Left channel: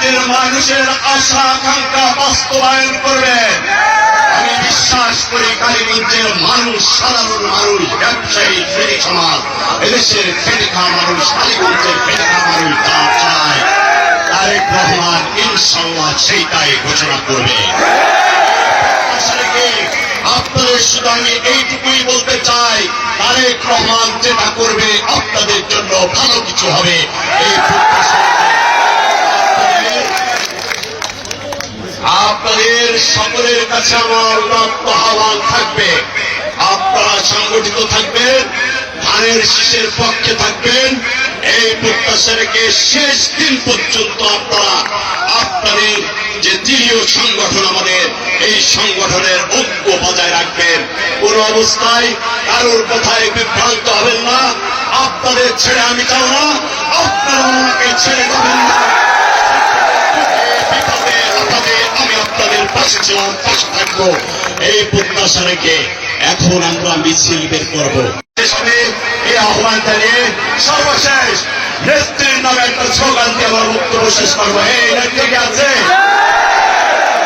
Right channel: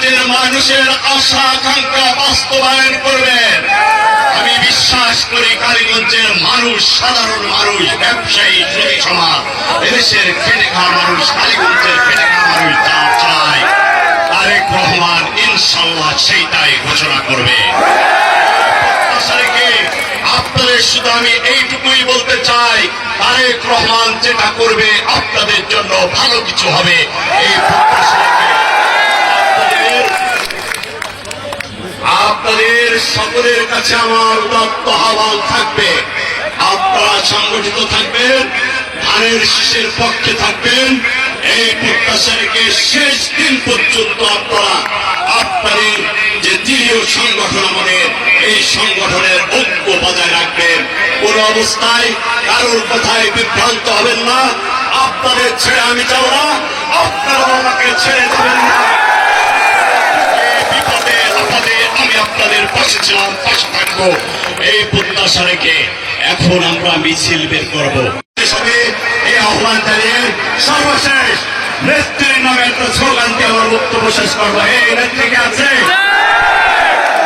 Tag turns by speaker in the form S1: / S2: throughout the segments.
S1: কালীগঞ্জের মানুষের আশা, আকাঙ্ক্ষা বাস্তবায়ন করবেন আমি বিশ্বাস করি কালীগঞ্জের মানুষ, সাধারণ মানুষ, ব্যবসায়ী শ্রেণি সমাজ, এদেশের খেটে খাওয়া মানুষ, কালীগঞ্জের খেটে মানুষ যা চায়, তারেক রহমান ইনশাল্লাহ সেইটাই ঘোষণা করবে। আপনাদের শুধু আমি এইটুকুই বলতে চাই, তারেক রহমান যেটা করবে আপনাদের জন্য ভালো কিছু হবে, এই প্রত্যাশা রেখে সকলের কাছে আমার উদাত্ত আহ্বান থাকবে। আপনারা সংগঠিত থাকবেন, ধানের শীষের পক্ষে থাকবেন। এই প্রত্যাশা রেখে শেষ দিন পর্যন্ত আপনারা আপনাদের যে দৃঢ় সংগঠন আমাদের, এই সংগঠনের ঐক্য বজায় রাখবেন। কোন অবস্থায় কারোর কথায় বিভ্রান্ত হবেন না। আপনাদের ছেড়ে আমি যাব না। আপনারা আমাকে ছেড়ে আপনাদের পাশে ছিলাম, পাশে থাকব। এই প্রত্যাশা রেখে এখন আমরা মিছিল বের করব। আহ্বান জানিয়ে সর্বশেষ নেত্রীর নামে একটা স্লোগান দিয়ে আমার বক্তব্য শেষ করব। এই নেত্রী আছে?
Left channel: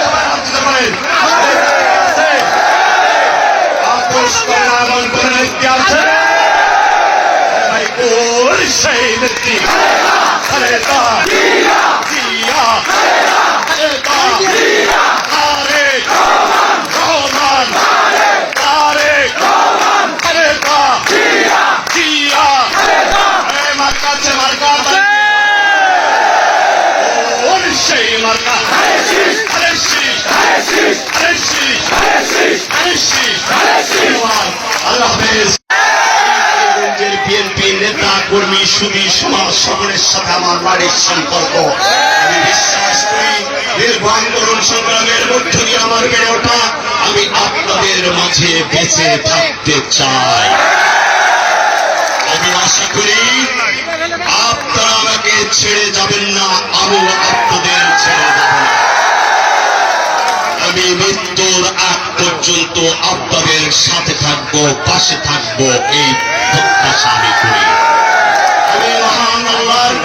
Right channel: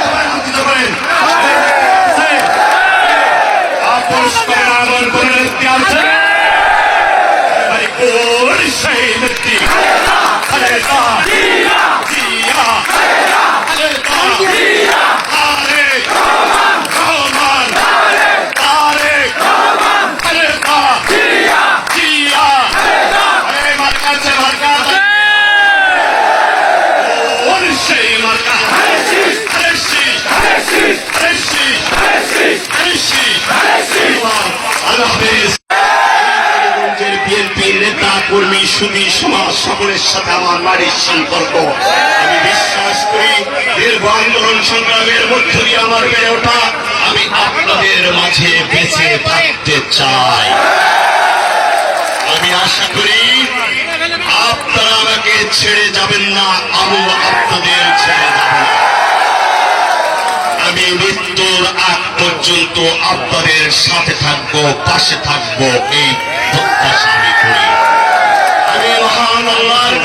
S1: সবাই হাত দিতে পারেন। আছে? আপোষ করার আহ্বান করে নেত্রী আছে এই কোন সেই নেত্রী খালেদা জিয়া খালেদা তারেক রহমান তারেক খালেদা জিয়া এই মার্কা আছে মার্কা ওর সেই মার্কা আরে শীষ আরে শীষ আরে শীষ আল্লাহ হাফেজ রাজগঞ্জের বিএনপি নেতা কর্মী সুদী সকলের সাথে আমার নারীর সম্পর্ক। আমি বিশ্বাস করি সংগ্রামের মধ্য দিয়ে আমার বেড়ে ওঠা, আমি আপনাদের মাঝে বেঁচে থাকতে চাই। আমি আশা করি, আপনারা আমাকে ছেড়ে যাবেন না, আমিও আপনাদের ছেড়ে যাব না। আমি মৃত্যুর আগ পর্যন্ত আপনাদের সাথে থাকব, পাশে থাকব, এই প্রত্যাশা আমি করি। আমি